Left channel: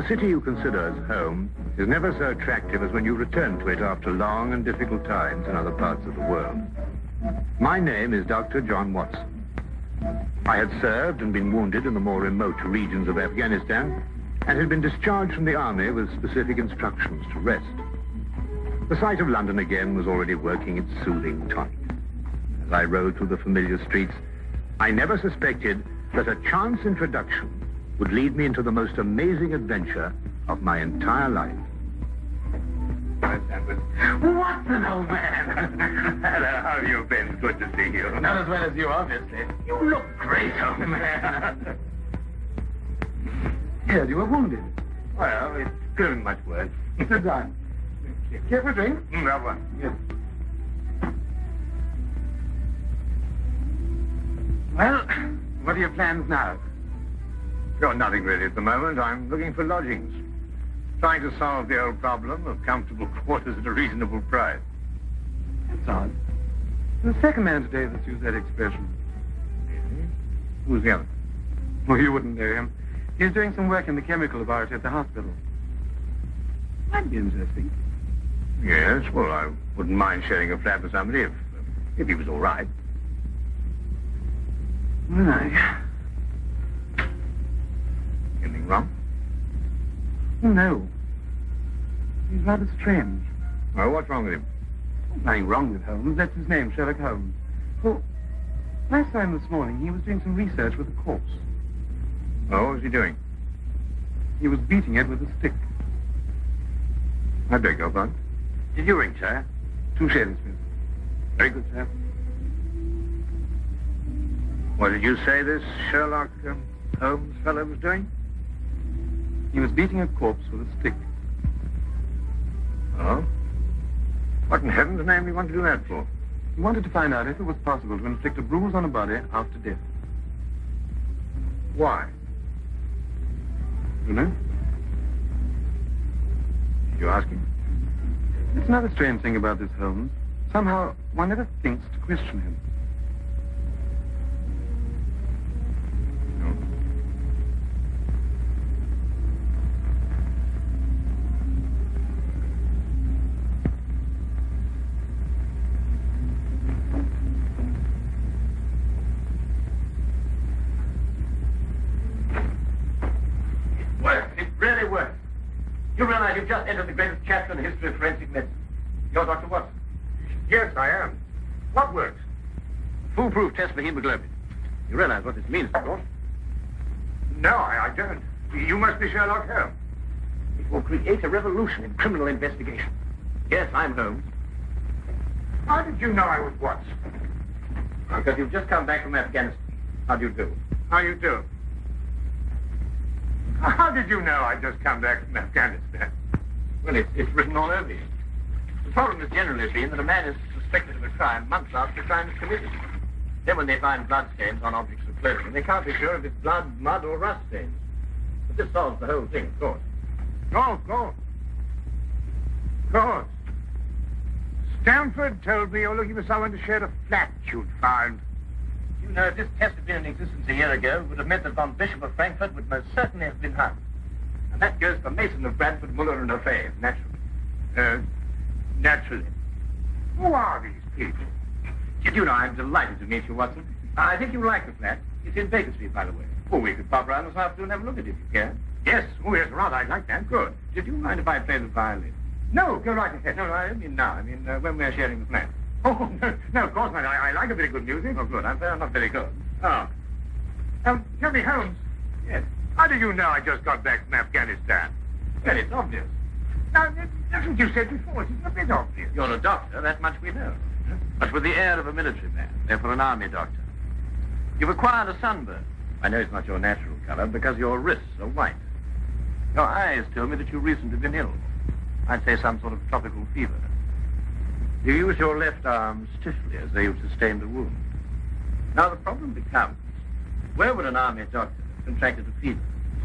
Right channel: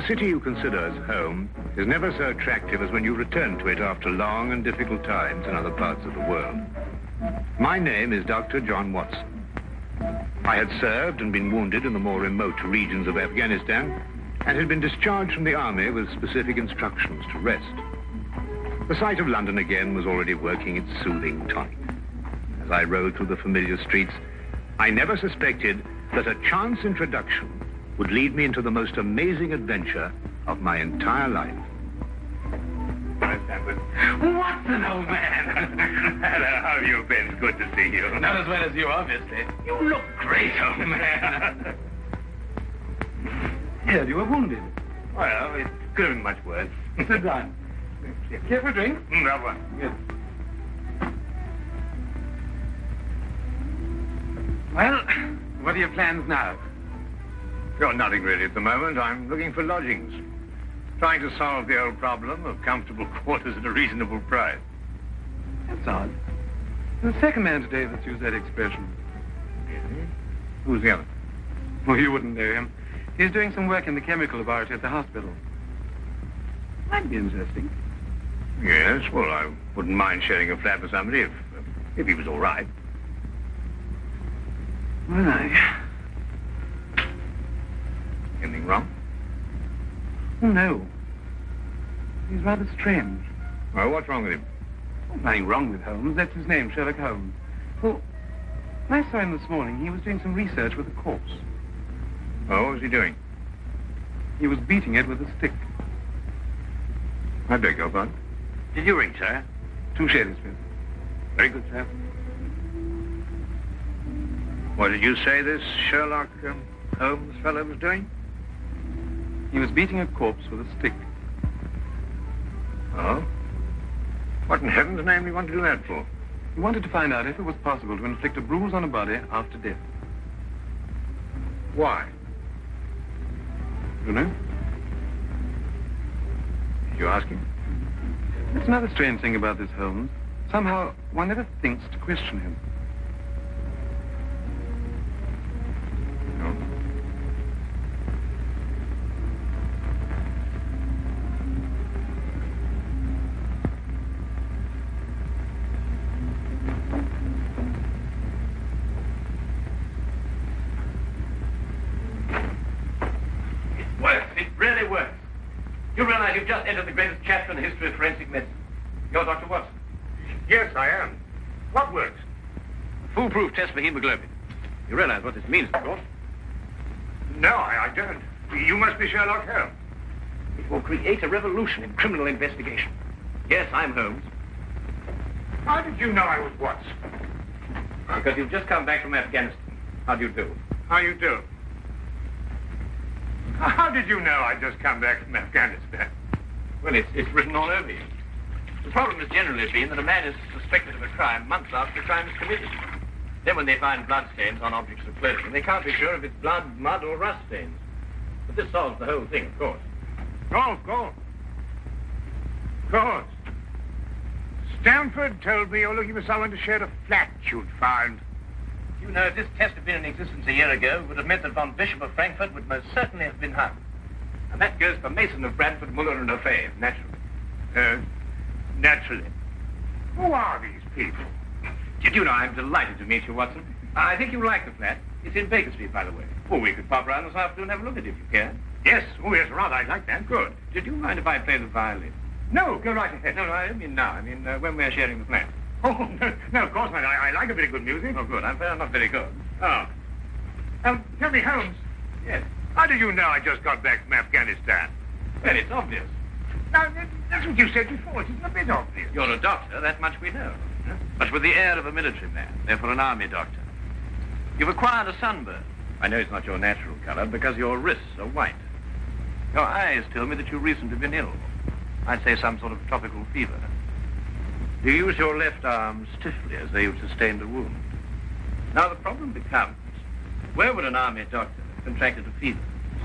The city you consider as home is never so attractive as when you return to it after long and difficult times in other parts of the world. My name is Dr. John Watson. I had served and been wounded in the more remote regions of Afghanistan and had been discharged from the army with specific instructions to rest. The sight of London again was already working its soothing tonic. As I rode through the familiar streets, I never suspected that a chance introduction would lead me into the most amazing adventure of my entire life. Watson, old man. Hello, how have you been? Good to see you. Not as well as you, obviously. You look great, old man. Yes, you were wounded. Well, it could have been much worse. Sit down. Care for a drink? No one. Yes. Well, what are your plans now? Got nothing really at the moment. I'm looking for lodgings. Trying to solve the old problem of comfortable quarters at a reasonable price. That's odd. There's a second man today that's used that expression. Who's the other? Well, you wouldn't know him. He's doing some work in the chemical laboratory at the hospital. Might be interesting. Yes, well, I wouldn't mind sharing a flat with somebody if he was all right. Well, Anything wrong? Oh, no. He's rather strange. Well, what's wrong with him? Nothing wrong with Holmes. That's his name, Sherlock Holmes. Well, I saw him this morning. He was doing some research with a corpse. Oh, what was he doing? He was beating it with a stick. I beg your pardon? Did you ring, sir? 2 shillings, please. Very good, sir. What did you say this Sherlock Holmes fellow was doing? He was beating a corpse with a stick. Oh? What in heaven's name do you want to do that for? He wanted to find out if it was possible to inflict a bruise on a body after death. Why? You know? Did you ask him? That's another strange thing about this Holmes. Somehow, one never thinks to question him. No. Worse. It really works. You realize you've just entered the greatest chapter in the history of forensic medicine. You're Dr. Watson. Yes, I am. What works? Foolproof test for hemoglobin. You realize what this means, of course. No, I don't. You must be Sherlock Holmes. It will create a revolution in criminal investigation. Yes, I'm Holmes. How did you know I was Watson? Because you've just come back from Afghanistan. How do you do? How you do? How did you know I just come back from Afghanistan? Well, it's written all over you. The problem has generally been that a man is suspected of a crime months after the crime is committed. Then when they find bloodstains on objects of clothing, they can't be sure if it's blood, mud, or rust stains. But this solves the whole thing, of course. Oh, of course. Of course. Stamford told me you're looking for someone to share a flat you'd found. You know, if this test had been in existence a year ago, it would have meant that von Bishop of Frankfurt would most certainly have been hung. And that goes for Mason of Bradford, Muller, and O'Fay, naturally. Naturally. Who are these people? Did you know I'm delighted to meet you, Watson? I think you'll like the flat. It's in Baker Street, by the way. Oh, we could pop around this afternoon and have a look at it if you can. Yes. Oh, yes, rather. I'd like that. Good. Did you mind if I play the violin? No, go right ahead. No, I don't mean now. I mean when we're sharing the flat. Oh, no, of course not. I like a bit of good music. Oh, good. I'm not very good. Oh. Tell me, Holmes. Yes. How did you know I just got back from Afghanistan? Well, it's obvious. Now, that's what you said before. It's a bit obvious. You're a doctor, that much we know. But with the air of a military man, therefore an army doctor. You've acquired a sunburn. I know it's not your natural color because your wrists are white. Your eyes tell me that you've recently been ill. I'd say some sort of tropical fever. You use your left arm stiffly as though you've sustained a wound. Now the problem becomes, where would an army doctor have contracted a fever,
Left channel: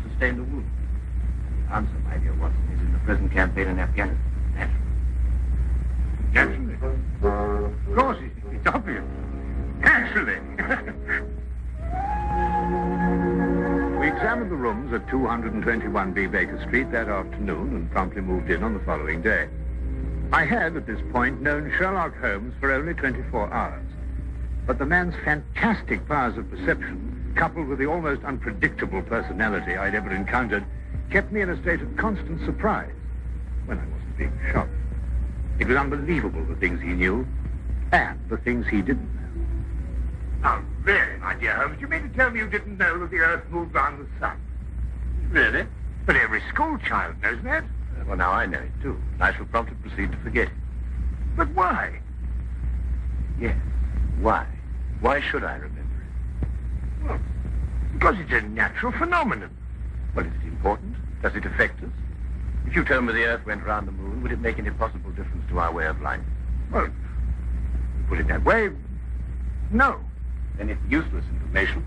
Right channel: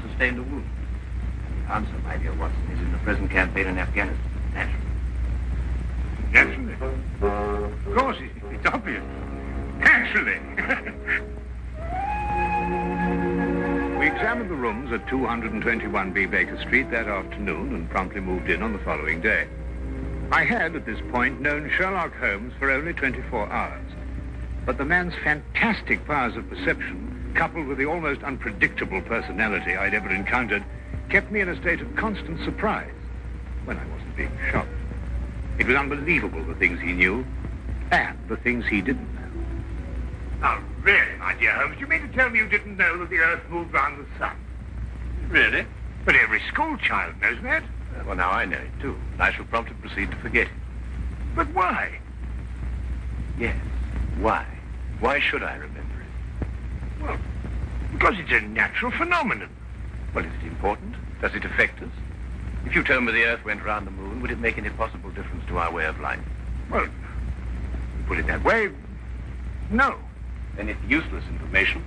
sustained a wound? The answer, my dear Watson, is in the present campaign in Afghanistan, naturally. Naturally. Of course, it's obvious. Naturally. We examined one of the rooms at 221B Baker Street that afternoon and promptly moved in on the following day. I had, at this point, known Sherlock Holmes for only 24 hours. But the man's fantastic powers of perception, coupled with the almost unpredictable personality I'd ever encountered, kept me in a state of constant surprise when I wasn't being shocked. It was unbelievable the things he knew and the things he didn't know. Oh, really, my dear Holmes? You mean to tell me you didn't know that the Earth moved round the sun? Really? But every school child knows that. Well, now I know it, too. And I shall promptly proceed to forget it. But why? Yes, why? Why should I remember it? Well, because it's a natural phenomenon. Well, is it important? Does it affect us? If you told me the Earth went round the moon, would it make any possible difference to our way of life? Well, put it that way, no. Then it's useless information,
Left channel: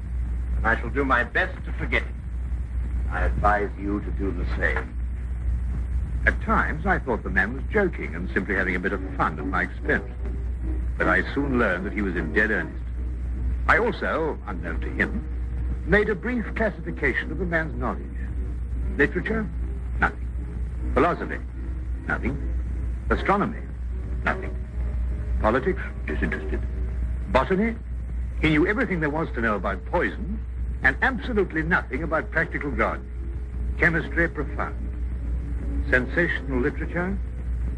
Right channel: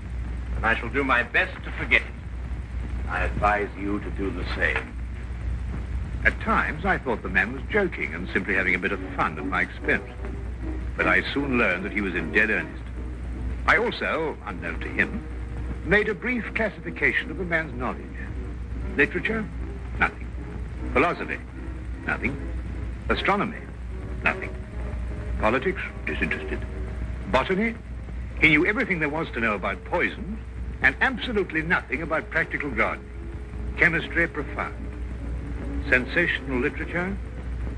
and I shall do my best to forget it. I advise you to do the same. At times, I thought the man was joking and simply having a bit of fun at my expense. But I soon learned that he was in dead earnest. I also, unknown to him, made a brief classification of the man's knowledge. Literature? Nothing. Philosophy? Nothing. Astronomy? Nothing. Politics? Disinterested. Botany? He knew everything there was to know about poison and absolutely nothing about practical gardening. Chemistry? Profound. Sensational literature?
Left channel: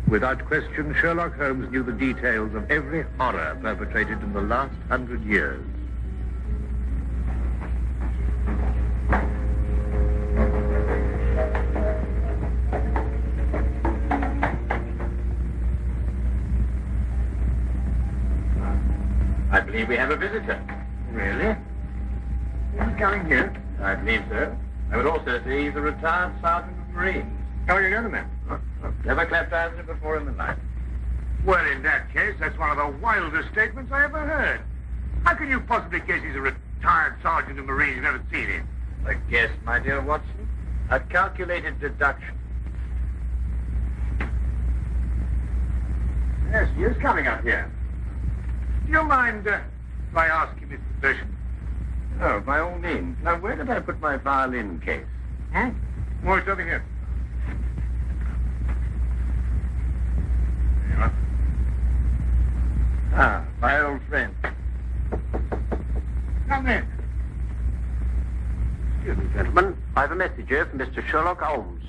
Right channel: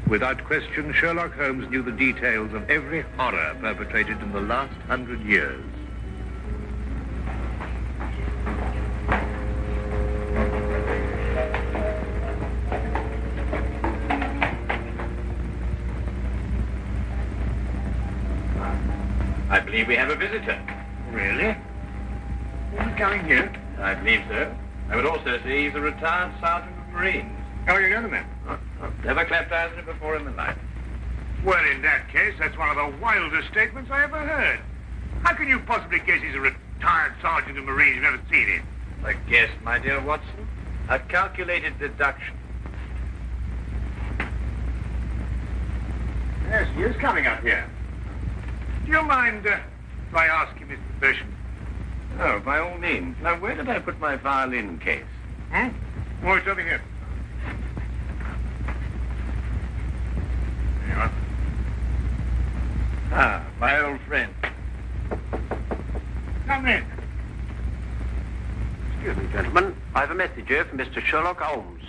Without question, Sherlock Holmes knew the details of every horror perpetrated in the last 100 years. I believe we have a visitor. Really? Who's coming here? I believe so. I would also say he's a retired sergeant of Marines. How do you know the man? Never clapped eyes on him before in my life. Well, in that case, that's one of the wildest statements I ever heard. How can you possibly guess he's a retired sergeant of Marines? You've never seen him. A guess, my dear Watson. A calculated deduction. Yes, he is coming up here. Do you mind if I ask him his profession? Oh, by all means. Now, where did I put my violin case? Oh, it's over here. There you are. Ah, my old friend. Come in. Excuse me, gentlemen. I have a message here from Mr. Sherlock Holmes.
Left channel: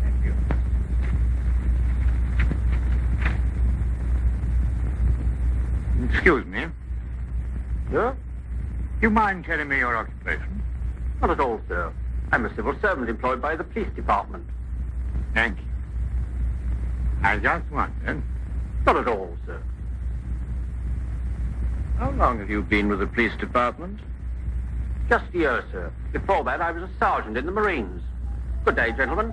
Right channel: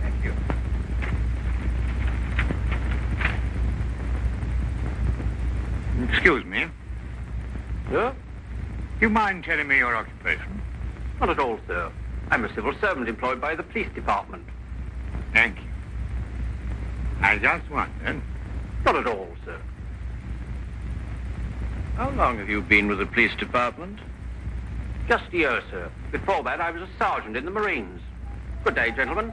Thank you. Excuse me. Sir? Do you mind telling me your occupation? Not at all, sir. I'm a civil servant employed by the police department. Thank you. I just wondered. Not at all, sir. How long have you been with the police department? Just a year, sir. Before that, I was a sergeant in the Marines. Good day, gentlemen.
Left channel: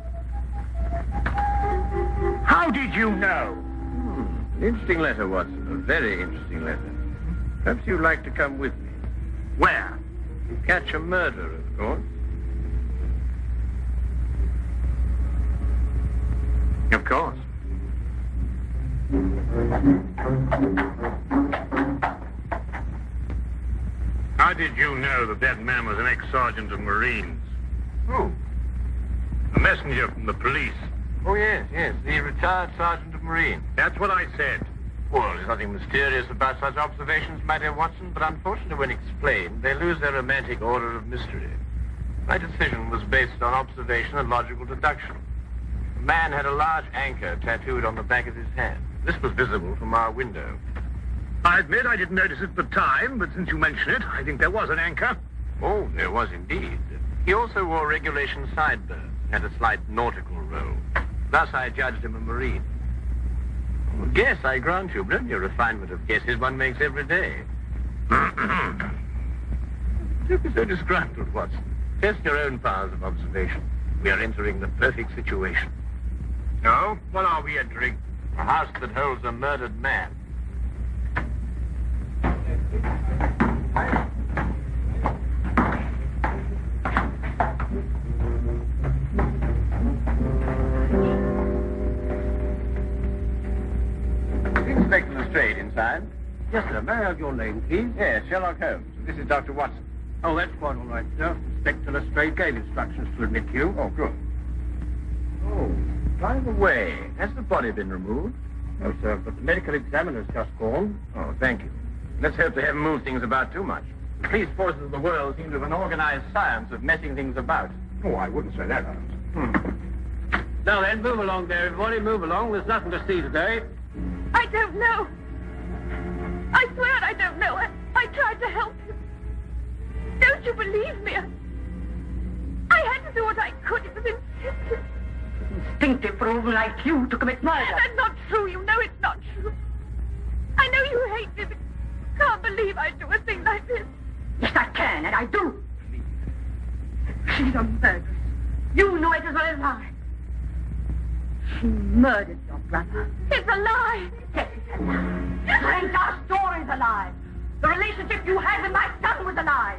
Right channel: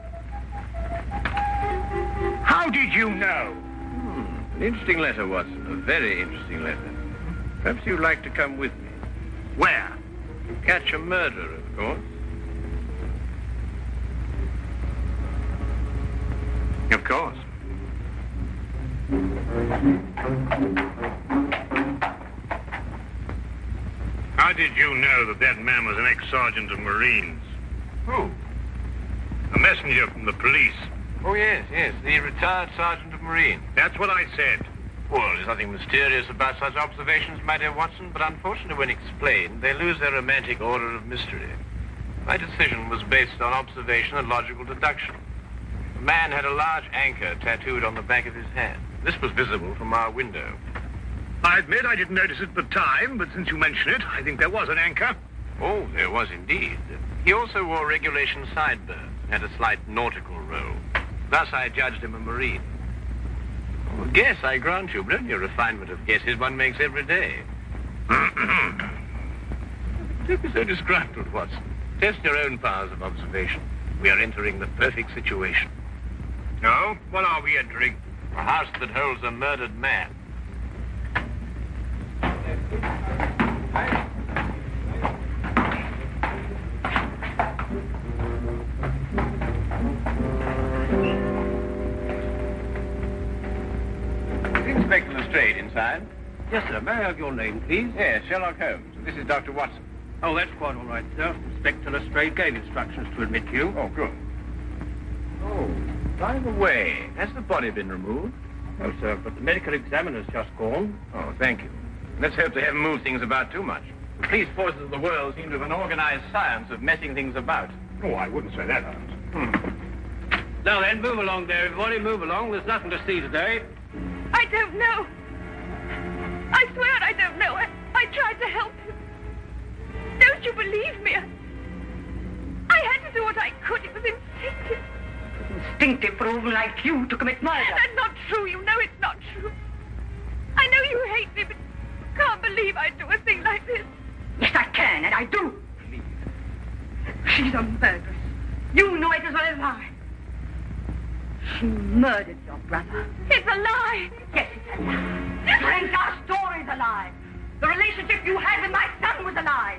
How did you know? An interesting letter, Watson. A very interesting letter. Perhaps you'd like to come with me. Where? To catch a murderer, of course. Of course. How did you know that that man was an ex-sergeant of Marines? Who? A messenger from the police. Oh, yes, the retired sergeant of Marines. That's what I said. Well, there's nothing mysterious about such observations, my dear Watson, but unfortunately, when explained, they lose their romantic order of mystery. My decision was based on observation and logical deduction. The man had a large anchor tattooed on the back of his hand. This was visible from our window. I admit I didn't notice it at the time, but since you mention it, I think there was an anchor. Oh, there was indeed. He also wore regulation sideburns and had a slight nautical roll. Thus, I judged him a Marine. Oh, guess, I grant you, but only a refinement of guesses one makes every day. Don't be so disgruntled, Watson. Test your own powers of observation. We are entering the perfect situation. No? What are we entering? A house that holds a murdered man. Inspector Lestrade inside. Yes, sir. May I have your name, please? Yes, Sherlock Holmes. This is Dr. Watson. Oh, that's quite all right, sir. Inspector Lestrade gave instructions to admit you. Oh, good. Oh, by the way, has the body been removed? No, sir, but the medical examiner's just gone. Oh, thank you. Let's hope they haven't moved things about too much. The police forces of the world seem to have an organized science of messing things about. Oh, I wouldn't say that, Holmes. Now then, move along there, everybody. Move along. There's nothing to see today. I don't know. I swear I don't know. I tried to help him. Don't you believe me? I had to do what I could. It was instinctive. Instinctive for a woman like you to commit murder. That's not true. You know it's not true. I know you hate me, but you can't believe I'd do a thing like this. Yes, I can, and I do. She's a murderess. You know it as well as I. She murdered your brother. It's a lie. Yes, it's a lie. Frank, our story's a lie. The relationship you had with my son was a lie.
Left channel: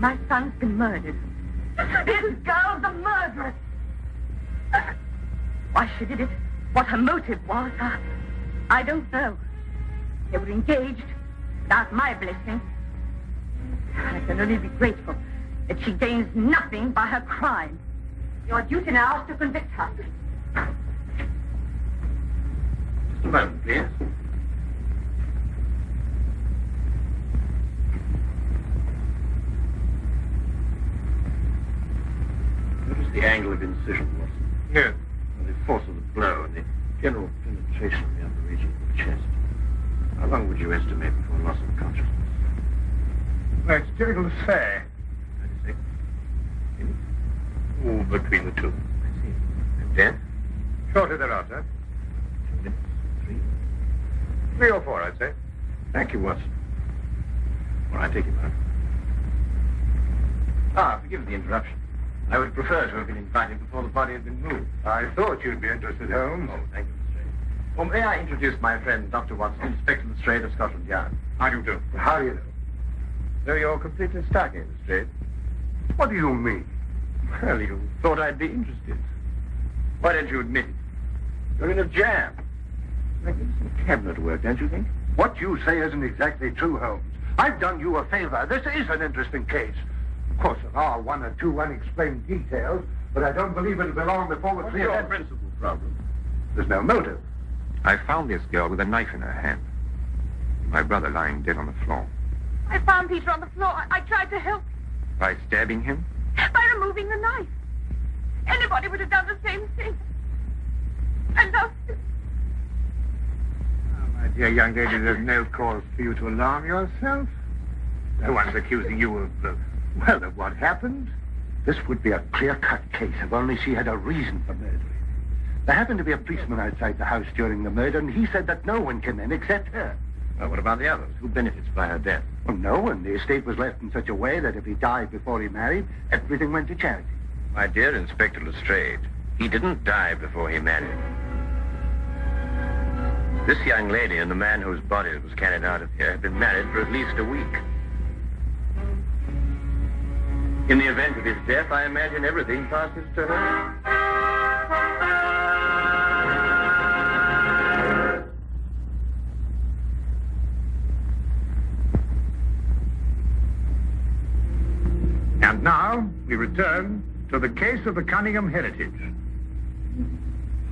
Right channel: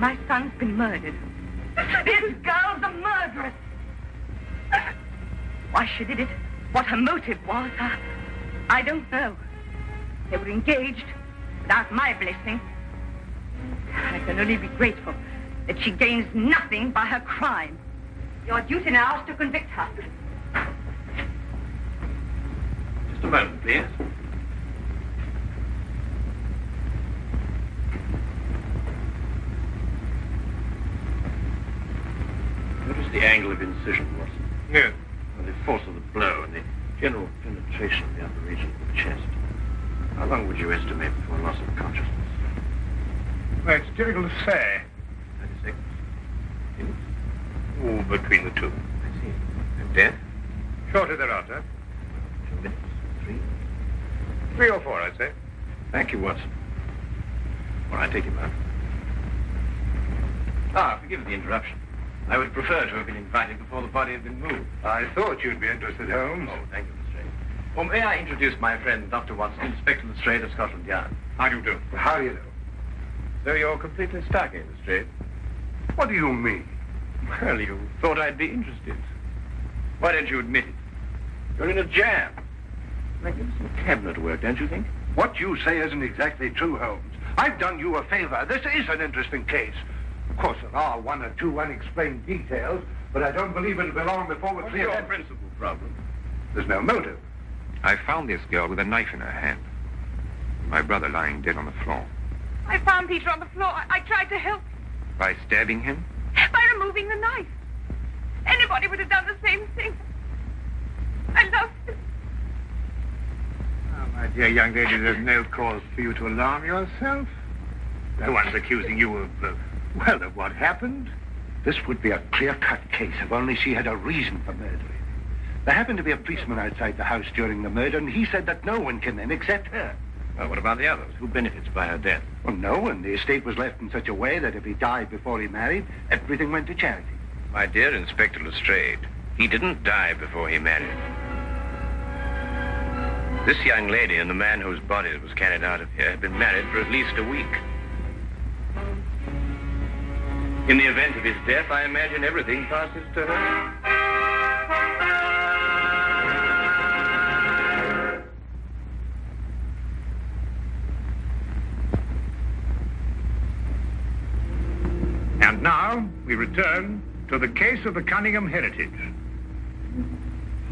My son's been murdered. This girl's a murderess. Why she did it, what her motive was, I don't know. They were engaged without my blessing. I can only be grateful that she gains nothing by her crime. Your duty now is to convict her. Just a moment, please. Notice the angle of incision, Watson. Yes. And the force of the blow and the general penetration of the upper region of the chest. How long would you estimate before loss of consciousness? Well, it's difficult to say. 30 seconds. Minutes? Oh, between the two. I see. And death? Shortly thereafter. 2 minutes. 3? 3 or 4, I'd say. Thank you, Watson. All right, take him out. Ah, forgive the interruption. I would prefer to have been invited before the body had been moved. I thought you'd be interested, Holmes. Oh, thank you, Lestrade. Well, may I introduce my friend, Dr. Watson, Inspector Lestrade of Scotland Yard. How do you do? How do you know? So you're completely stuck, eh, Lestrade? What do you mean? Well, you thought I'd be interested. Why don't you admit it? You're in a jam. Magnificent cabinet work, don't you think? What you say isn't exactly true, Holmes. I've done you a favor. This is an interesting case. Of course, there are 1 or 2 unexplained details, but I don't believe it'll be long before we're What's clear. your principal problem? There's no motive. I found this girl with a knife in her hand. My brother lying dead on the floor. I found Peter on the floor. I tried to help By stabbing him? by removing the knife. Anybody would have done the same thing. I loved him. Oh, my dear young lady, there's no cause for you to alarm yourself. No one's accusing you of, of what happened. This would be a clear-cut case if only she had a reason for murdering. There happened to be a policeman outside the house during the murder, and he said that no one came in except her. Well, what about the others? Who benefits by her death? Well, no one. The estate was left in such a way that if he died before he married, everything went to charity. My dear Inspector Lestrade, he didn't die before he married. This young lady and the man whose body was carried out of here had been married for at least a week. In the event of his death, I imagine everything passes to her. And now we return to the case of the Cunningham heritage.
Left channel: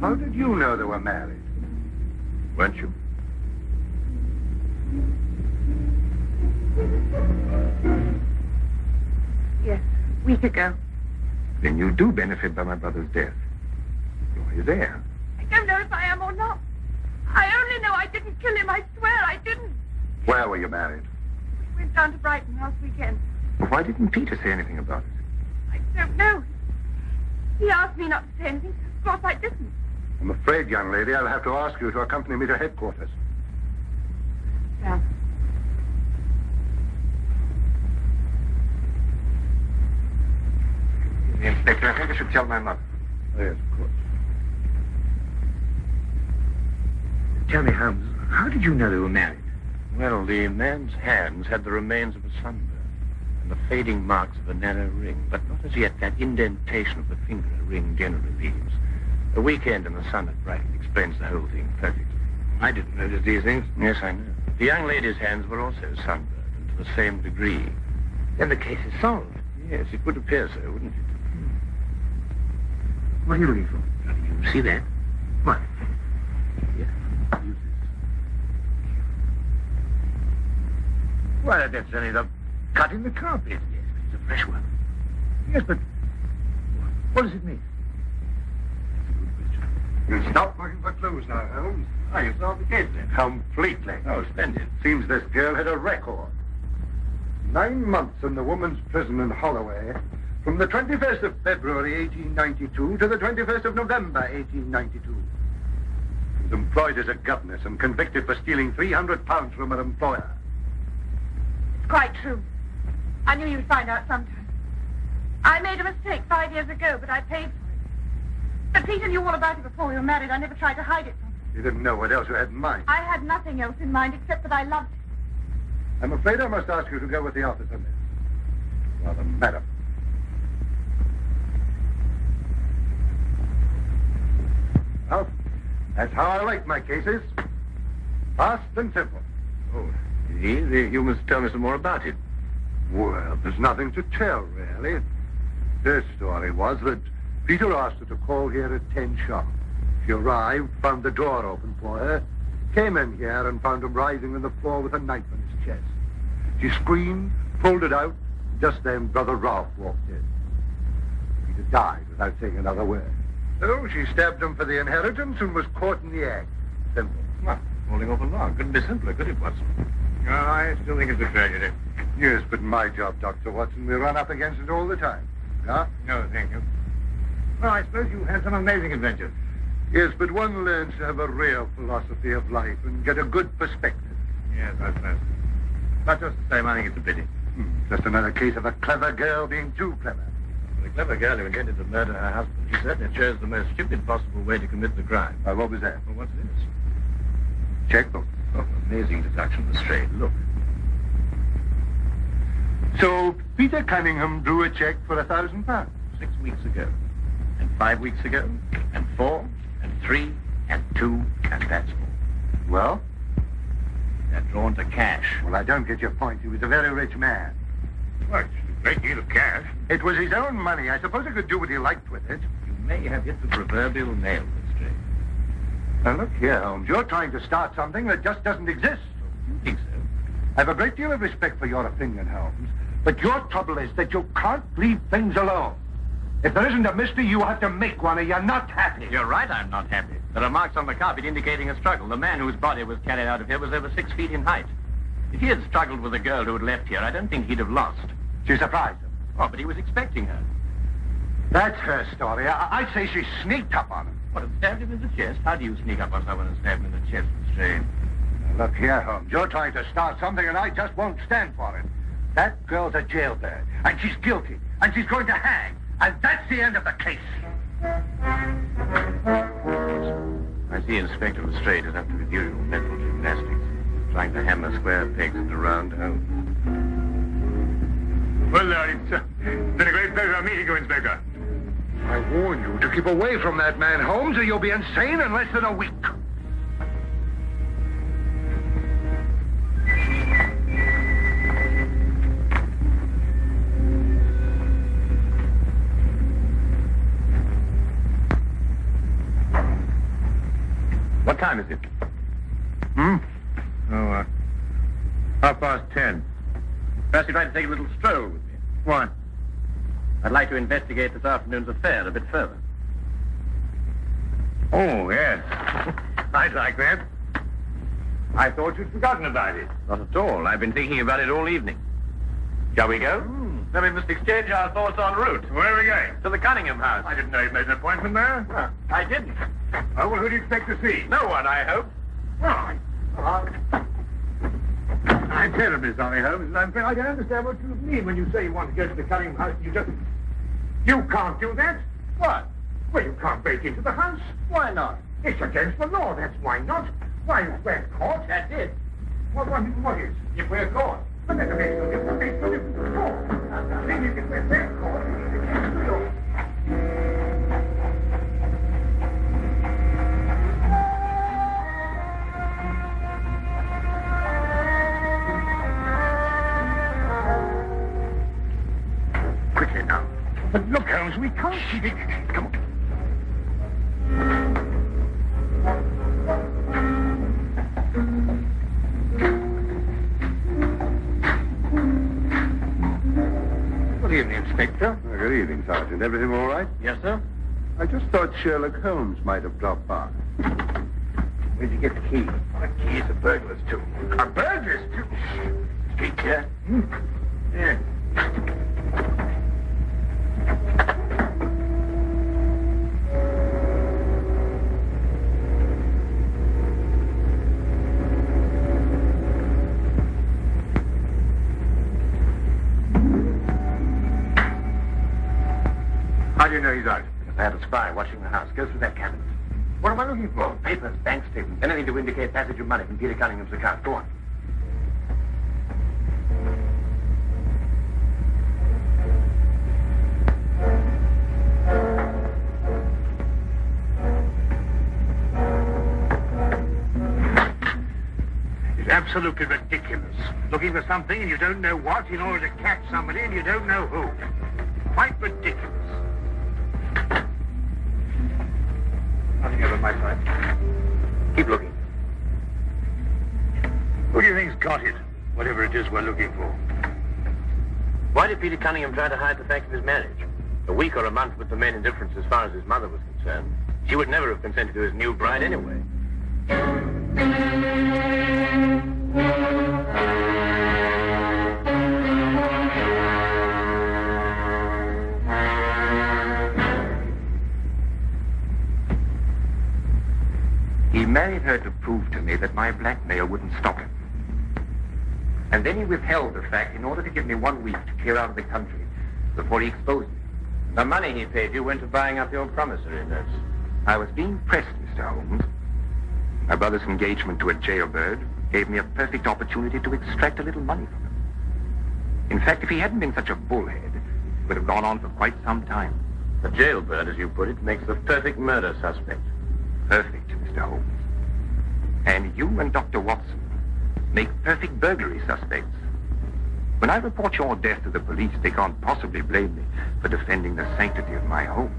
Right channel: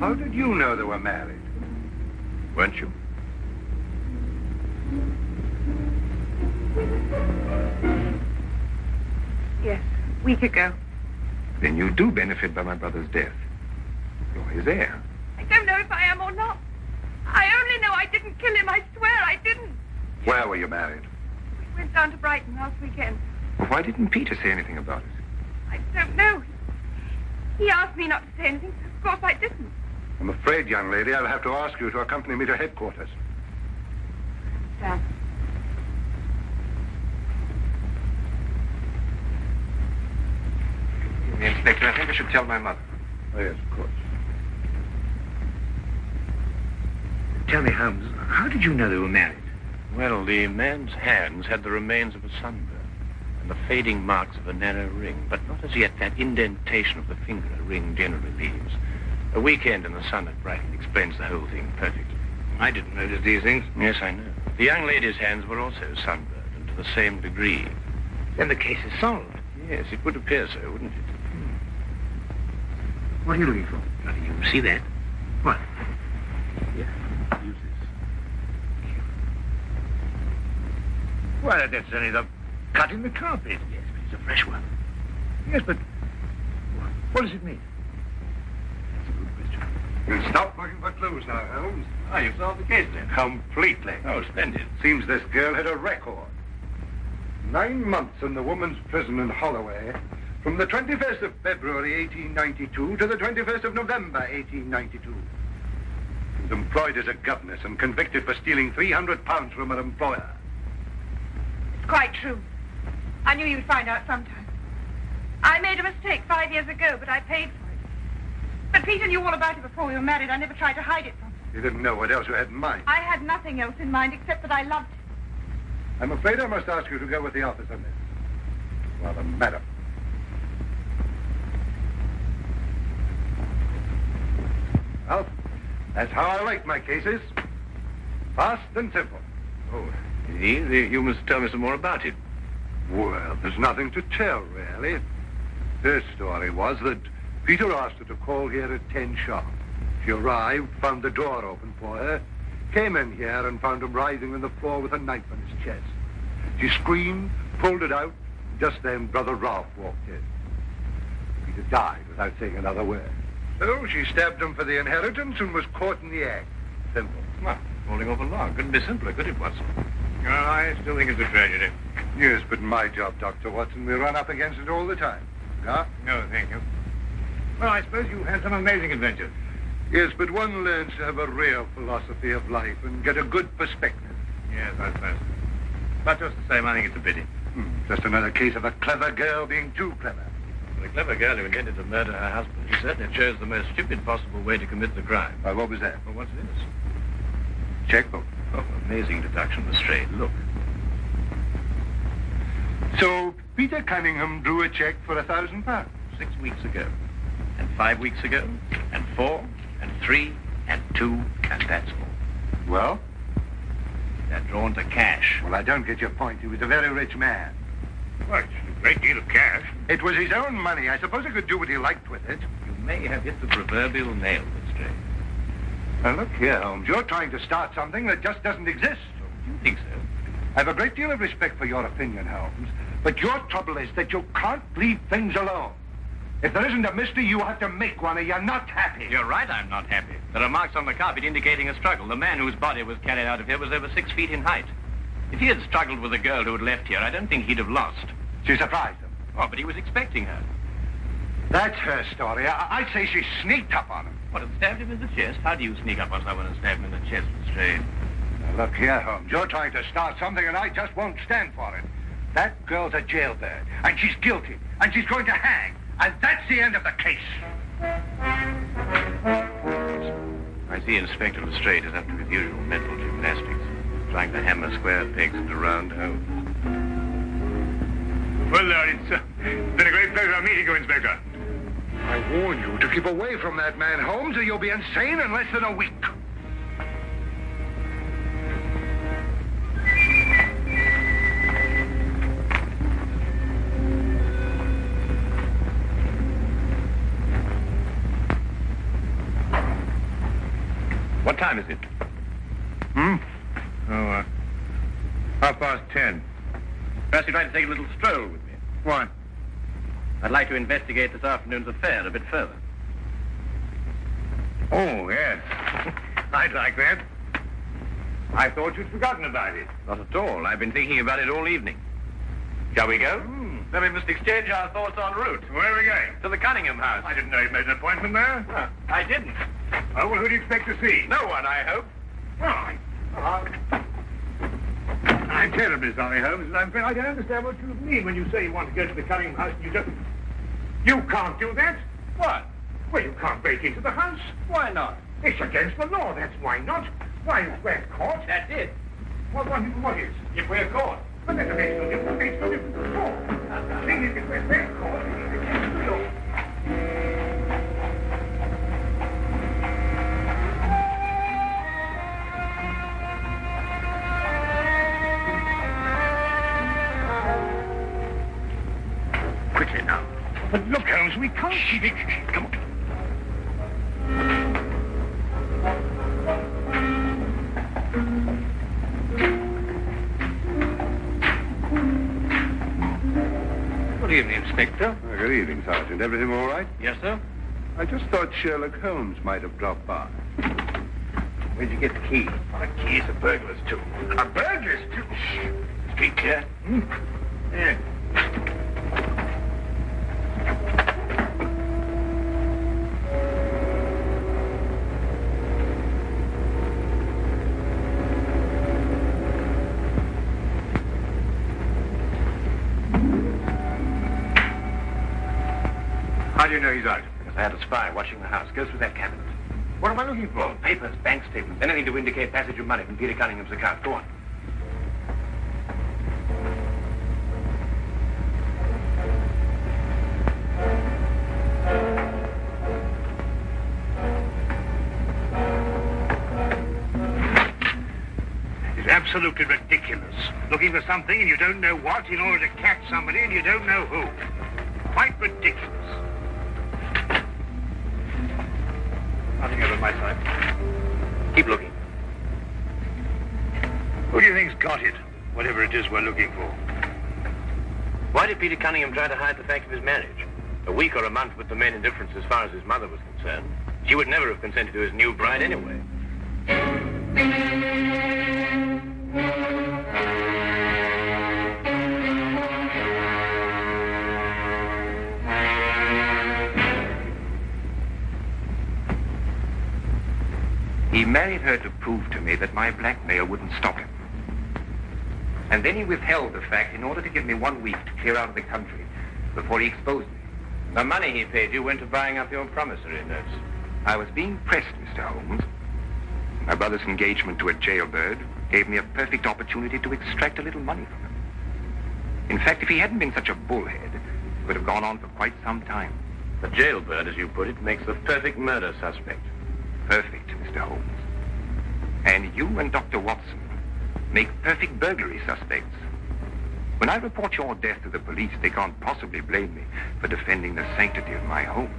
How did you know they were married? Weren't you? Yes, a week ago. Then you do benefit by my brother's death. You're his heir. I don't know if I am or not. I only know I didn't kill him. I swear I didn't. Where were you married? We went down to Brighton last weekend. Well, why didn't Peter say anything about it? I don't know. He asked me not to say anything. Of course I didn't. I'm afraid, young lady, I'll have to ask you to accompany me to headquarters. Sam. Inspector, I think I should tell my mother. Oh, yes, of course. Tell me, Holmes, how did you know they were married? Well, the man's hands had the remains of a sunburn and the fading marks of a narrow ring, but not as yet that indentation of the finger a ring generally leaves. A weekend in the sun at Brighton explains the whole thing perfectly. I didn't notice these things. Yes, I know. The young lady's hands were also sunburned, and to the same degree. Then the case is solved. Yes, it would appear so, wouldn't it? What are you looking for? Now, do you see that? What? Here, use this. Well, that's only the cut in the carpet. Yes, but it's a fresh one. Yes, but what does it mean? That's a good question. You stop looking for clues now, Holmes. Oh, you solved the case then? Completely. Oh, splendid. Seems this girl had a record. 9 months in the woman's prison in Holloway, from the 21st of February 1892 to the 21st of November 1892. She was employed as a governess and convicted for stealing £300 from her employer. It's quite true. I knew you'd find out sometime. I made a mistake 5 years ago, but I paid for it. But Peter knew all about it before we were married. I never tried to hide it from him. You didn't know what else you had in mind. I had nothing else in mind except that I loved him. I'm afraid I must ask you to go with the office on this. Well, madam. Well, that's how I like my cases. Fast and simple. Oh, indeed. You must tell me some more about it. Well, there's nothing to tell, really. Their story was that Peter asked her to call here at 10 sharp. She arrived, found the door open for her, came in here and found him writhing on the floor with a knife on his chest. She screamed, pulled it out. Just then, Brother Ralph walked in. Peter died without saying another word. So she stabbed him for the inheritance and was caught in the act. Simple. Well, holding off the law. Couldn't be simpler, could it, Watson? Oh, I still think it's a tragedy. Yes, but my job, Dr. Watson, we run up against it all the time. Yeah? No, thank you. Well, I suppose you've had some amazing adventures. Yes, but one learns to have a real philosophy of life and get a good perspective. Yes, I suppose. But just the same, I think it's a pity. Just another case of a clever girl being too clever. The clever girl who intended to murder her husband certainly chose the most stupid possible way to commit the crime. What was that? Well, what's this? Checkbook. Oh, amazing deduction, Lestrade. Look. So Peter Cunningham drew a check for £1,000. 6 weeks ago, and 5 weeks ago, and 4, and 3, and 2, and that's all. Well? They're drawn to cash. Well, I don't get your point. He was a very rich man. Well, it's a great deal of cash. It was his own money. I suppose he could do what he liked with it. You may have hit the proverbial nail, Lestrade. Now, look here, Holmes. You're trying to start something that just doesn't exist. You think so? I have a great deal of respect for your opinion, Holmes. But your trouble is that you can't leave things alone. If there isn't a mystery, you have to make one, or you're not happy. You're right, I'm not happy. There are marks on the carpet indicating a struggle. The man whose body was carried out of here was over 6 feet in height. If he had struggled with a girl who had left here, I don't think he'd have lost. She surprised him. Oh, but he was expecting her. That's her story. I'd say she sneaked up on him. What, had stabbed him in the chest? How do you sneak up on someone and stab him in the chest, Lestrade? Now, look here, Holmes. You're trying to start something, and I just won't stand for it. That girl's a jailbird, and she's guilty, and she's going to hang. And that's the end of the case. I see Inspector Lestrade is up to his usual mental gymnastics. He's trying to hammer square pegs into round holes. Well, it's been a great pleasure meeting you, Inspector. I warn you to keep away from that man, Holmes, or you'll be insane in less than a week. What time is it? Hmm? Oh, 10:30. Perhaps you'd like to take a little stroll with me. What? I'd like to investigate this afternoon's affair a bit further. Oh, yes. I'd like that. I thought you'd forgotten about it. Not at all. I've been thinking about it all evening. Shall we go? Then we must exchange our thoughts en route. Where are we going? To the Cunningham house. I didn't know you made an appointment there. I didn't. Oh, well, who do you expect to see? No one, I hope. Well, I'm terribly sorry, Holmes, and I'm afraid I don't understand what you mean when you say you want to go to the Cunningham house. You can't do that. What? Well, you can't break into the house. Why not? It's against the law, that's why not. Why, if we're caught. That's it. What is? If we're caught. But that makes no difference. Makes no difference at all. The thing is, if we're caught, it's against the law. quickly now. But look, Holmes, we can't... Come on. Good evening, Inspector. Good evening, Sergeant. Everything all right? Yes, sir? I just thought Sherlock Holmes might have dropped by. Where'd you get the key? The key's a burglar's too. A burglar's too? Street clear? Yeah. How do you know he's out? Because I had a spy watching the house. Go through that cabinet. What am I looking for? Papers, bank statements, anything to indicate passage of money from Peter Cunningham's account. Go on. It's absolutely ridiculous. Looking for something and you don't know what in order to catch somebody and you don't know who. Quite ridiculous. Nothing over my side. Keep looking. Who do you think's got it? Whatever it is we're looking for. Why did Peter Cunningham try to hide the fact of his marriage? A week or a month put the main indifference as far as his mother was concerned. She would never have consented to his new bride anyway. He married her to prove to me that my blackmail wouldn't stop him. And then he withheld the fact in order to give me 1 week to clear out of the country before he exposed me. The money he paid you went to buying up your promissory notes. I was being pressed, Mr. Holmes. My brother's engagement to a jailbird gave me a perfect opportunity to extract a little money from him. In fact, if he hadn't been such a bullhead, it would have gone on for quite some time. The jailbird, as you put it, makes the perfect murder suspect. Perfect, Mr. Holmes. And you and Dr. Watson make perfect burglary suspects. When I report your death to the police, they can't possibly blame me for defending the sanctity of my home.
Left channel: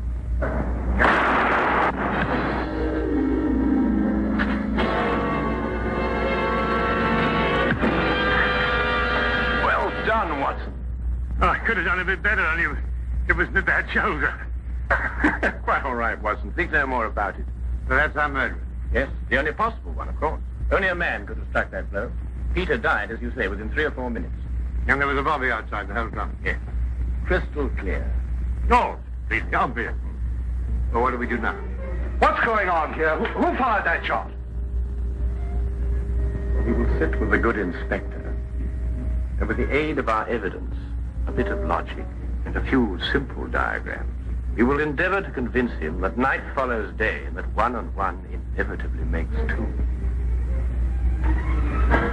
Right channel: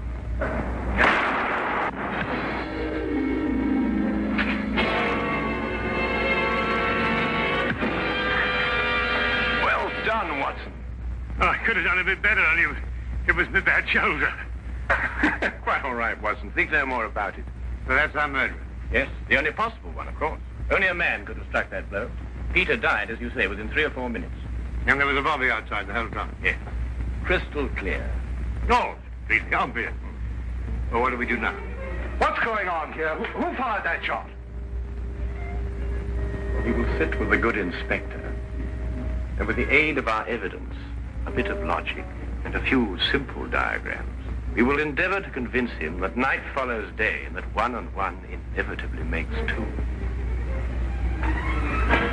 Well done, Watson. Oh, I could have done a bit better. It was my bad shoulder. Quite all right, Watson. Think no more about it. So that's our murderer. Yes, the only possible one, of course. Only a man could have struck that blow. Peter died, as you say, within 3 or 4 minutes. And there was a body outside the whole time. Yes. Crystal clear. No, it's obvious. Well, what do we do now? What's going on here? Who fired that shot? We will sit with the good inspector. And with the aid of our evidence, a bit of logic, and a few simple diagrams, we will endeavor to convince him that night follows day and that 1 and 1 inevitably makes 2.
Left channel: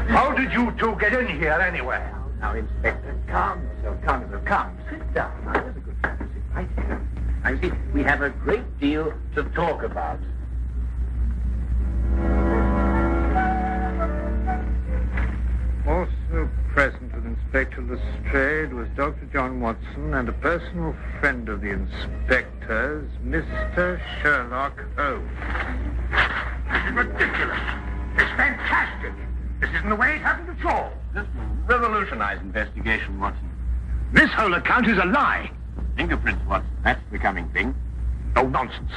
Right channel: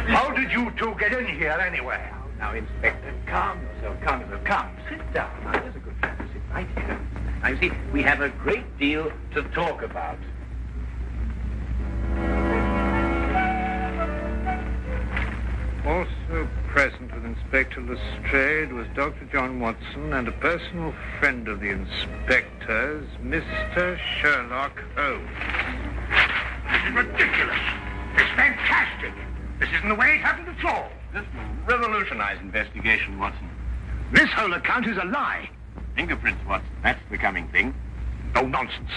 How did you two get in here anyway? Now, Inspector, calm yourself, calm yourself. Come, sit down. Now, here's a good time to sit right here. Now, you see, we have a great deal to talk about. Also present with Inspector Lestrade was Dr. John Watson and a personal friend of the inspector's, Mr. Sherlock Holmes. Ridiculous. It's fantastic. This isn't the way it happened at all. This will revolutionize investigation, Watson. This whole account is a lie. Fingerprints, Watson. That's the coming thing. No nonsense.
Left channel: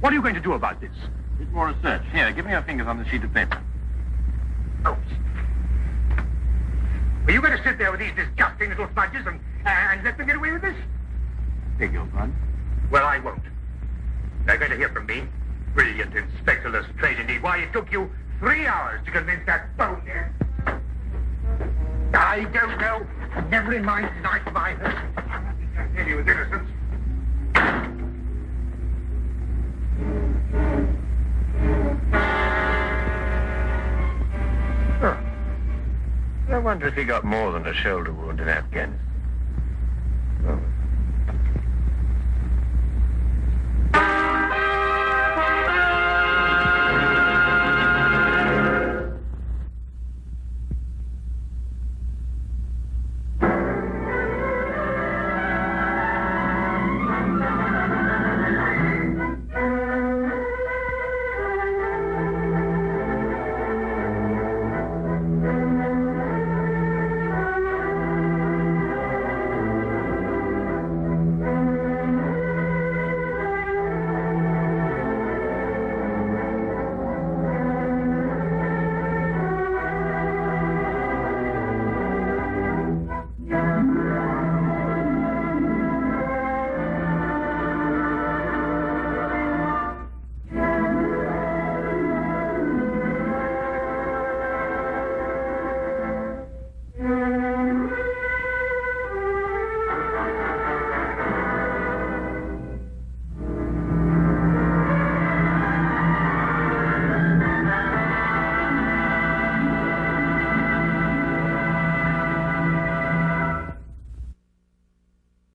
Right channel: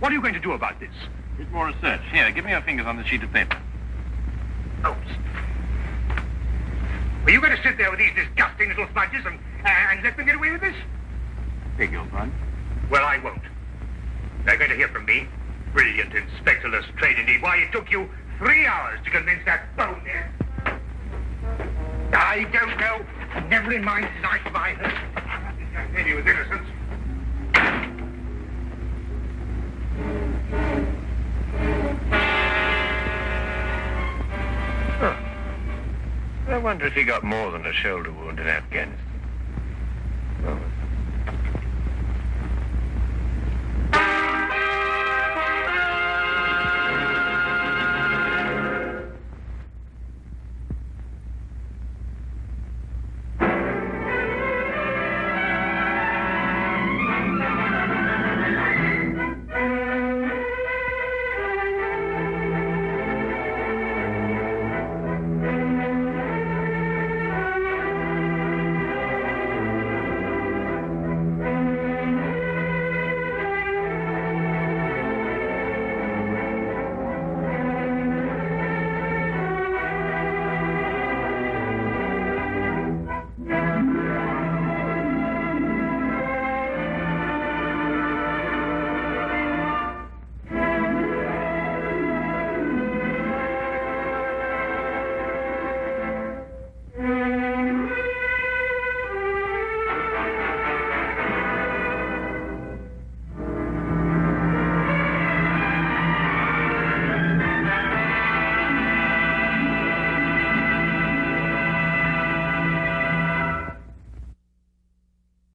What are you going to do about this? Bit more research. Here, give me your fingers on the sheet of paper. Holmes. Are you going to sit there with these disgusting little smudges and let me get away with this? Beg your pardon? Well, I won't. They're going to hear from me. Brilliant Inspector Lestrade, indeed. Why, it took you 3 hours to convince that bonehead. I don't know. Never in mind his life by her. This young lady was innocent. I wonder if he got more than a shoulder wound in Afghanistan.